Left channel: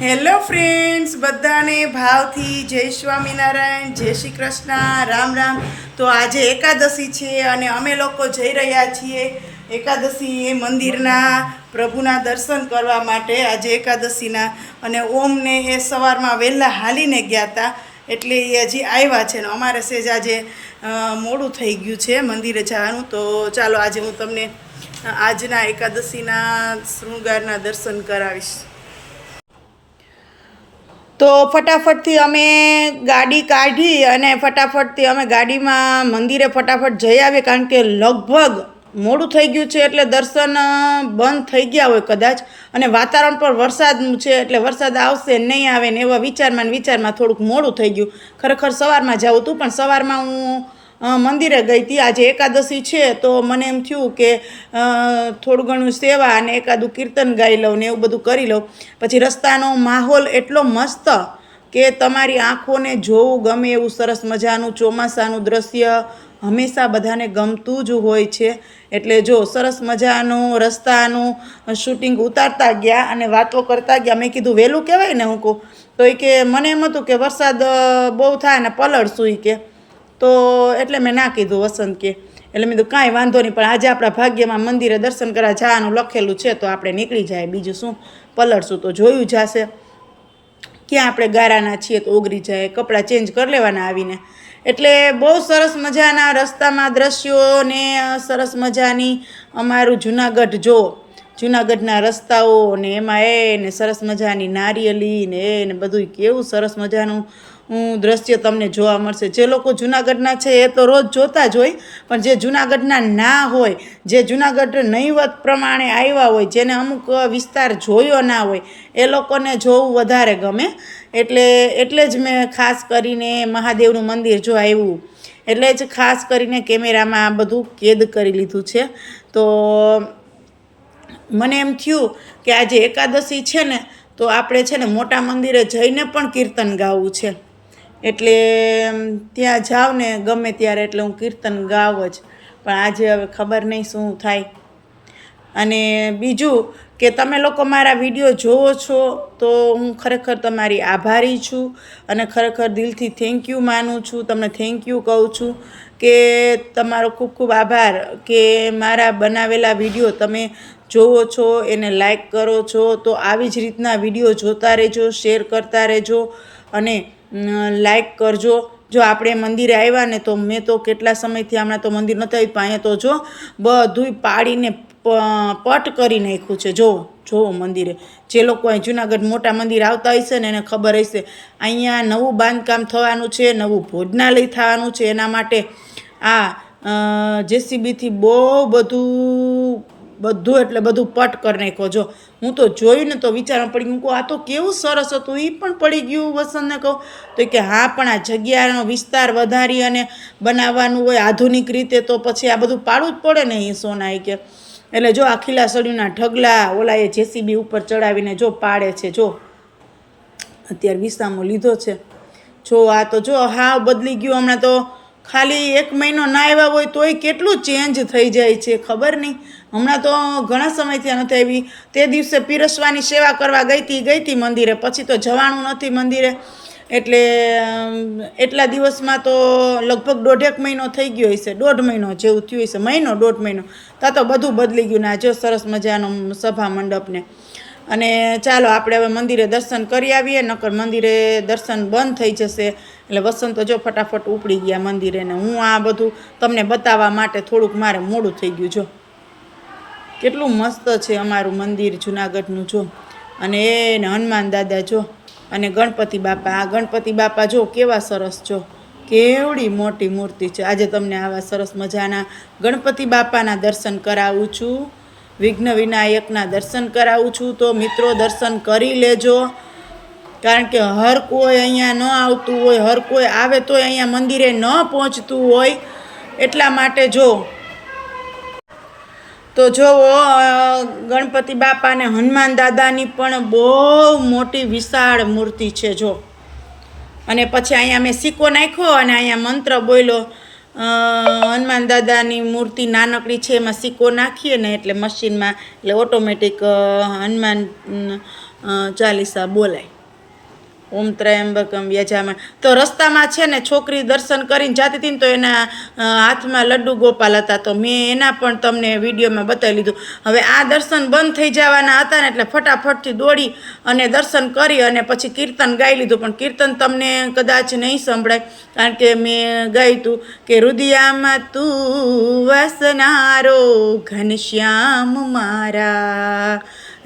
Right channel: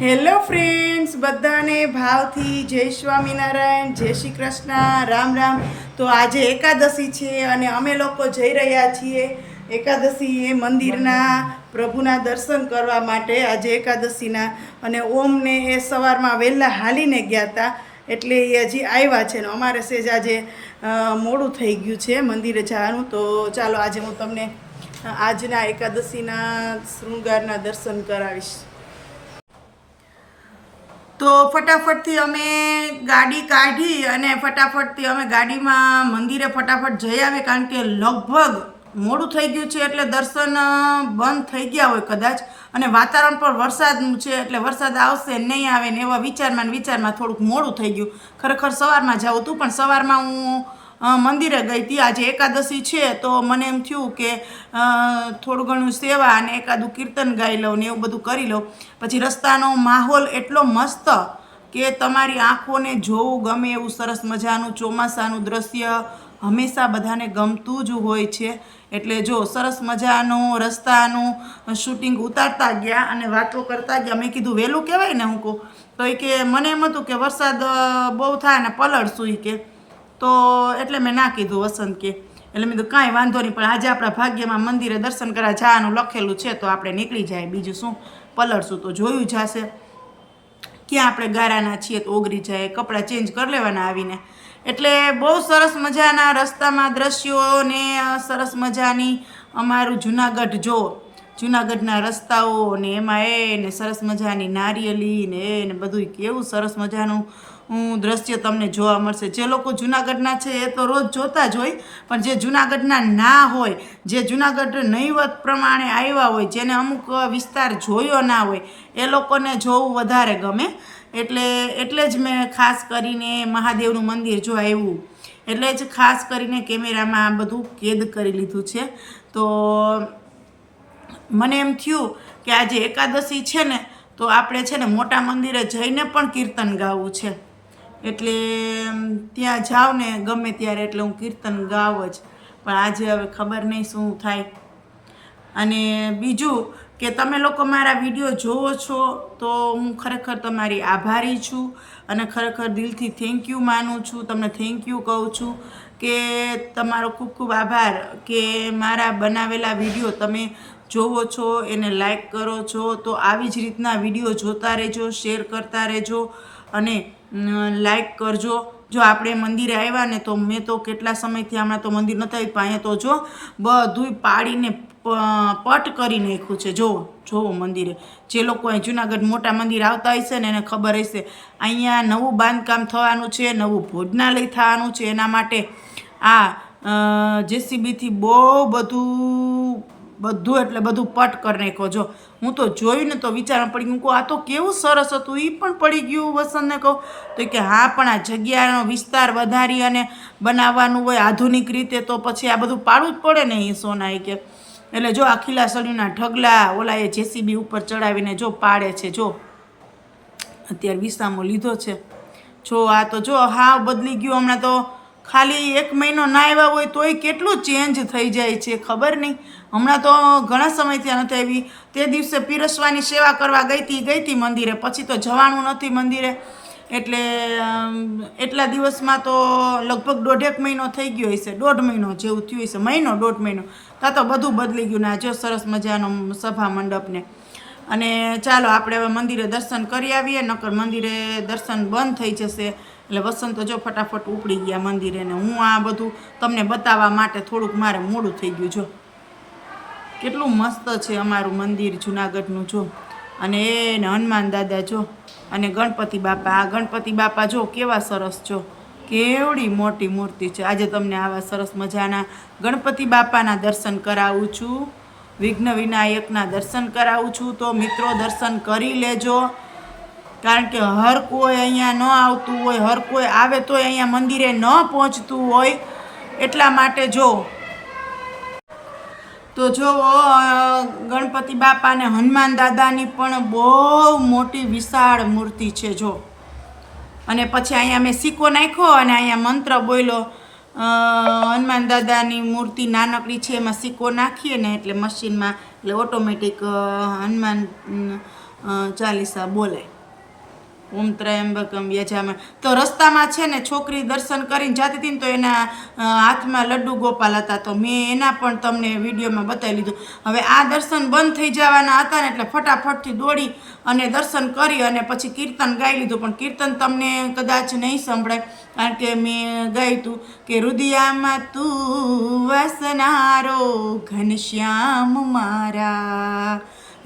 Hello friends, બધાને ભાવથી જય સ્વામિનારાયણ, જય શ્રી કૃષ્ણ, રામ રામ. તો આજે એકાદશી છે અને અમે લોકો જઈ રહ્યા છીએ એકાદશી મંદિરના પ્રભુના દર્શન કરવા માટે આજે એકાદશીના. અને ઓમને એ સવારમાં વહેલા હાલીને ગયા હતા એટલે એ હજી આવ્યા છે ને અમારે સેજ આજે મોડું થઈ ગયું છે મંદિરે જવાનું. તો ચાલો આજે હું તમને આજના એકાદશીના શૃંગારના દર્શન કરાવીશ. તો ફટાફટથી અમે ગાડી કાઢી અને ફટાફટથી અમે ગાડીમાં મંદિરે ફટાફટ જઈ આવીએ કારણ કે લગભગ મોડું થઈ ગયું છે એટલે દર્શન બંધ થઈ ગયા હોય કદાચ. અને વાતાવરણ પર વરસાદનું છે એટલે વરસાદ આવશે, નહીં આવે ને એવા વિચારમાં ને વિચારમાં થોડુંક મોડું થઈ ગયું. ખરેખર સવારમાં જવું હતું પણ સવારમાં હું મંદિરે ગઈ હતી. આજે એકાદશી છે, તો મને એમ થયું કે થોડું ઘણું સેવા અને એકાદું કીર્તન ગાઈ લઉં ને એવું બધું કરી લઉં. પછી રસ્તાનો માહોલ એટલો મસ્ત કે તમારી આંખોને જોવું ગમે એવું સરસ મજાનું ચોમાસાનું દ્રશ્ય હંમેશા બધાને ગમતું જ હોય છે. એટલે જો સરસ મજાનું રસ્તાનું શૂટિંગ ઉતારતા ગયા અને વાતો કરતા ગયા, મેં કીધું વહેલું કહેવાય ને હું કહું? તો એ કે, મને એમ હતું કે વરસાદ બહુ થાય ને પલળશું સુઈ કે. તો એટલે મેં ના કીધું વસંત કે. એટલે મેં કીધું, કાંઈ વાંધો નહીં, પણ આજે આપણા ભાગ્યમાં મંદિરે દર્શન કરવા જવાનું લખેલું છે, તો આપણે નીકળી જાય. બીજું શું? પલળશું તો જોયું જશે. ક્યાં આપણે ગારાના છીએ તો ઓગરી જાય, કપડાં ચેન્જ કરી લેવાના આવીને. એટલે બહુ સરસ મજાના રસ્તામાં દ્રશ્યો ને સરસ મજાની અમારું જુનાગઢ જો, જુનાગઢના રસ્તાઓ ને એમાં એ ને સરસ મજાની નારિયેલી ને એ ને બધું કેવું સરસ મજાનું દ્રશ્ય તમને જોવા મળશે. જે લોકો જુનાગઢના છે એ તો રોજ જોતા જ હોય, પણ જે જુનાગઢના ના હોય, જે જુનાગઢ નહીવત પ્રમાણે આવ્યા હોય, જેને અમુક વિસ્તાર જોયો ના હોય, એ લોકોને જોવું વધારે ગમે. એટલે એટલે જ મેં ખાસ કરીને મહાદેવનું મંદિર જો આવ્યું, એટલે જ ખાસ કરીને કેમેરામાં આ બધું કેદ કરી લીધું છે. તો મને એમ થયું કે આજે એકાદશી છે ને, તો આપણે છે ને મોટા મંદિરે જઈને પણ કીર્તન ગાવું છે. એટલે ત્યાં જાઉં ને ગમે ત્યારે, એટલે હું કીર્તન ગાઉં જ. પણ આજે હવે ખબર નહીં શું થાય. અને બીજું કે તમે લોકો મારા વીડિયો જોવો છો, તો હું ખરેખર તમારી આભારી છું અને ખરેખર દિલથી થેન્ક યુ માનું છું. તમને થેન્ક યુ કહું છું કે તમારો ખૂબ ખૂબ આભાર કે મારા બનાવેલા વીડિયો તમે જોવો છો, એને લાઈક કરો છો. તો આવી જ રીતના વીડિયો જોતા રહેજો, શેર કરતા રહેજો અને લાઈક કરજો. જો આપણે મંદિરે આવ્યા ને તો મેં તો કેટલા સમયથી હમણાં તો મંદિર નહોતા આવ્યું અહીંયા તો જો બધુંય પાડીને પટ કરી નાખ્યું છે. જોવો જોવો મંદિરે. જે લોકો અહીં જુનાગઢ મોટા મંદિર આવતા હશે ને એને ખબર હશે અહીંયા નવું બાંધકામ થવાનું છે, નવું ભોજનાલય થવાનું છે. એના માટે આ જેસીબીથી બહુ બધું બધું એટલે બધું પટ કરી નાખ્યો. જો હું તો જોયું ને તો વિચારમાં પડી ગયું આ તો કેવું સરસ હતું એ પણ પડી ગયું વસંતને કહું તો કે હા, પણ આ જગ્યાનો વિસ્તાર વધારી અને બનાવવાનું હોય આધુનિક રીતે તો પછી આ બધું પાડવું જ પડે ને એ સોના એ કે. એટલે જો આ ખીલા સળીના ઢગલા ઓલા એ જેસીબી ઉપર ચડાવીને જો પાડે છે, જો. અત્યારે વિસામો લીધો છે. જો આ તો જો હા બદલી ગયું, હમણાં તો ખાલી એક મહિનો ના આવ્યા હોય તોય કેટલું ચેન્જ થઈ જાય છે, ખબર નહીં. હમણાં તો ઘણા સમયથી નથી આવી. તે દિવસે પીરસવાની સેવા કરવા ગઈ હતી ગઈ હતી મંદિરે. પછી તો જવાનું નથી મંદિરે. એટલે એટલા દિવસમાં તો લગભગ દોઢેક મહિનો થઈ ગયો હશે. દોઢ મહિનો જેવું થયું હશે. મહિનો, દોઢ મહિનો. તા તો બધું બદલી ગયું ને આ જો સરસ મજાનો સભા મંડપને. અને ચાલો આપણે હવે મંદિરે દર્શન કરી આવીએ, નકર મંદિરે દર્શન બંધ થઈ જશે. એટલે વસંત જો ફટાફટ ઉપડી ગયા મંદિરે ને હું આ બધું તમને બતાવવા માટે થોડુંક મારે મોડું થઈ ગયું, જો. કેટલું મસ્ત છે અમારું મંદિર જુનાગઢનું, જો. અને એને હનુમાન દાદા, જો. અને ગણપતિ બાપા, આ ગણપતિ બાપા જો કેવા સરસ, જો. કેવડી મોટી મૂર્તિ છે. આજે તમને આવા સરસ મજાના ગણપતિ બાપાના દર્શન કરાવું છું. વિઘ્ન વિનાયકના દર્શન કરાવું છું, તો મિત્રો દર્શન કરી લેજો. કારણ કે હર કોઈ અહીંયા ન આવતું હોય, હર કોઈ આવે તોય અહીંયા મંદિરે ન પહોંચતું હોય. એટલા માટે જો, તો જોવો ગણપતિ બાપાને હનુમાન દાદાની પણ બહુ મોટી વિશાળ મૂર્તિ છે, જો. અને પછી અહીંયા મેં સિક્કો નાખ્યો અને અહીંયા મંત્ર બોલ્યો હનુમાન દાદાની મૂર્તિ નાનકડી છે, એમાં સિક્કો નાખીએ ને એટલે મશીનમાં એટલે ઓટોમેટિક હનુમાન ચાલીસા બોલાય. ઓમ ત્રયંબકમ યજામણ તો રસ્તામાં છે ને છોકરી દર્શન કરીને જાતી હતી ને તો એના હાથમાં લડ્ડુ ગોપાલ હતા. તો મેં એના પણ તમને વિડીયોમાં બતાવી લીધું. હવે આ દર્શન બંધ થઈ જવાના હતા ને એટલે ફટાફટથી દોડી અને દર્શન કરી અને પછી કીર્તન ગાઈ લીધું. પણ કીર્તન તમને કદાચ નહીં સંભળાય, કારણ કે મેં ગાયું હતું કે રુદિયામાં તું વસનારો ઘનશ્યામ મારા.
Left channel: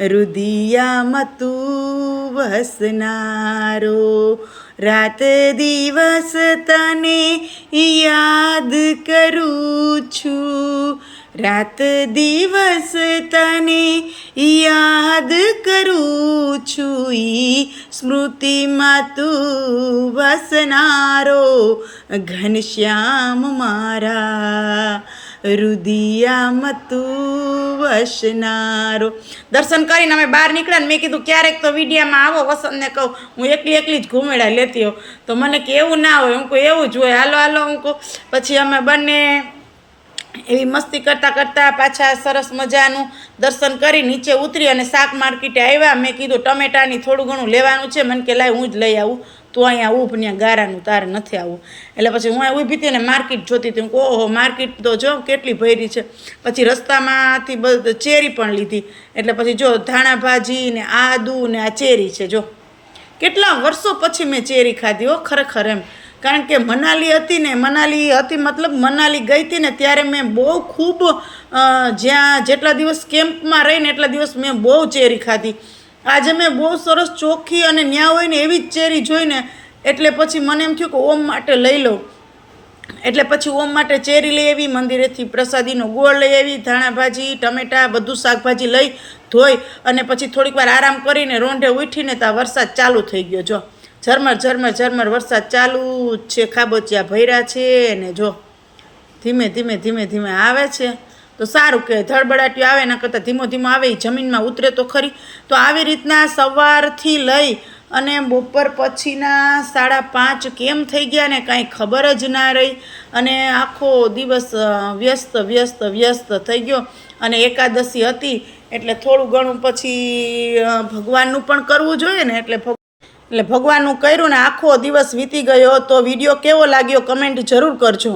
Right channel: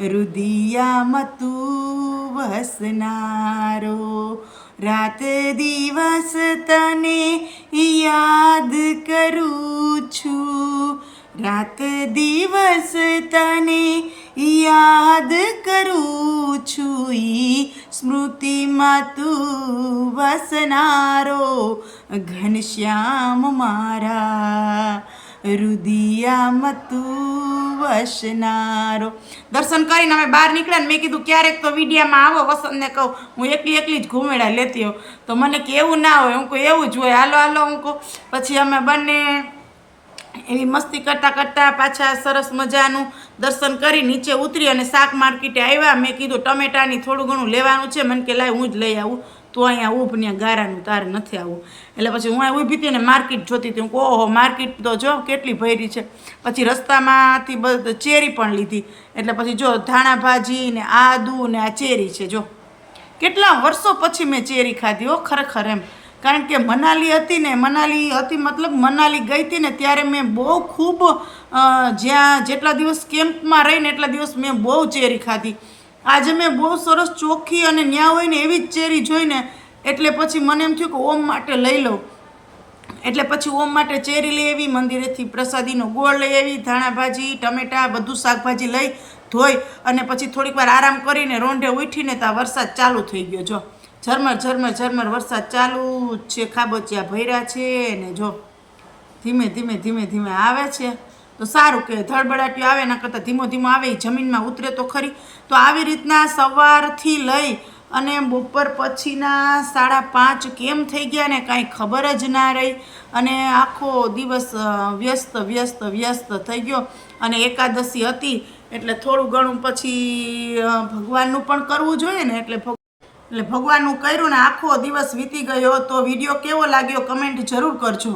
રુદિયામાં તું વસનારો રાત દિવસ તને યાદ કરું છું. રાત દિવસ તને યાદ કરું છું. ઈ સ્મૃતિમાં તું વસનારો ઘનશ્યામ મારા. રુદિયામાં તું વસનારો દર્શન કરીને અમે બહાર નીકળ્યા ને મેં કીધું, ક્યારેક તો વિડીયામાં આવો વસંતને કહું. હું એકલી એકલી જ ઘૂમેડા લેતી હોઉં. તો મને કે એવું ના હોય, હું કહું એવું જ હોય. હાલો હાલો, હું કહું. પછી અમે બંને એવી મસ્તી કરતાં કરતાં પાછા સરસ મજાનું દર્શન કરી નીચે ઉતરી અને શાક માર્કેટે આવ્યા. મેં કીધું, ટમેટાની થોડું ઘણું લેવાનું છે. મને કે, લાય, હું જ લઈ આવું. તું અહીંયા ઊભ ને ગારાનું તારે નથી આવવું. એટલે પછી હું ઊભી હતી ને માર્કેટ જોતી હતી. હું ઓહો, માર્કેટ તો જો કેટલી ભરી છે. પછી રસ્તામાંથી બધ, ચેરી પણ લીધી. એટલે પછી જો ધાણા ભાજી ને આદુ ને આ ચેરી છે, જો. કેટલા વર્ષો પછી મેં ચેરી ખાધી હો, ખરેખર એમ. કારણ કે મનાલી હતી ને, મનાલી હતી મતલબ મનાલી ગઈ હતી ને ત્યારે મેં બહુ ખૂબ જ્યાં જેટલા દિવસ કેમ્પમાં રહીને એટલા દિવસ મેં બહુ ચેરી ખાધી. આજે મેં બહુ સરસ ચોખ્ખી અને ન્યા હોય ને એવી જ ચેરી જોઈને એટલે પછી મને એમ થયું કે ઓમ માટે લઈ લઉં. એટલે પછી ઓમ માટે ચેરી લઈ આવી, મંદિરેથી પ્રસાદીનો ગોળ લઈ આવી, ધાણા ભાજી, ટમેટા, બધું શાકભાજી લઈ ધોઈ અને પછી થોડીક વાર આરામ કરીને રોંઢે ઉઠીને ત્યાં વરસાદ ચાલુ થઈ ગયો. જો, ઝરમર ઝરમર ઝરમર, વરસાદ ચાલુ છે. ખાબોચિયા ભૈરા છે ને જો, ધીમે ધીમે ધીમે ધીમે આવે છે. તો સારું કે ધડબડાટીઓ આવે એના કરતાં ધીમો ધીમો આવે એ જમીનમાં ઉતરે તો ખરી. તો આવી રીતના સવારથી લઈ અને બપોર પછીના સાડા પાંચ કેમ થઈ ગયા ને કાંઈ ખબર જ ના રહી. અને આખો દિવસ વ્યસ્ત વ્યસ્ત વ્યસ્ત થઈ ગયો. અને એકાદશી હતી, એટલે થોડું ઘણું પછી ભગવાનનું પણ કરવું જોઈએ ને, એટલે એટલે ભગવાનનું કર્યું ને, આખો દિવસ વીતી ગયો. તો વીડિયો કેવો લાગ્યો કમેન્ટ જરૂર કરજો.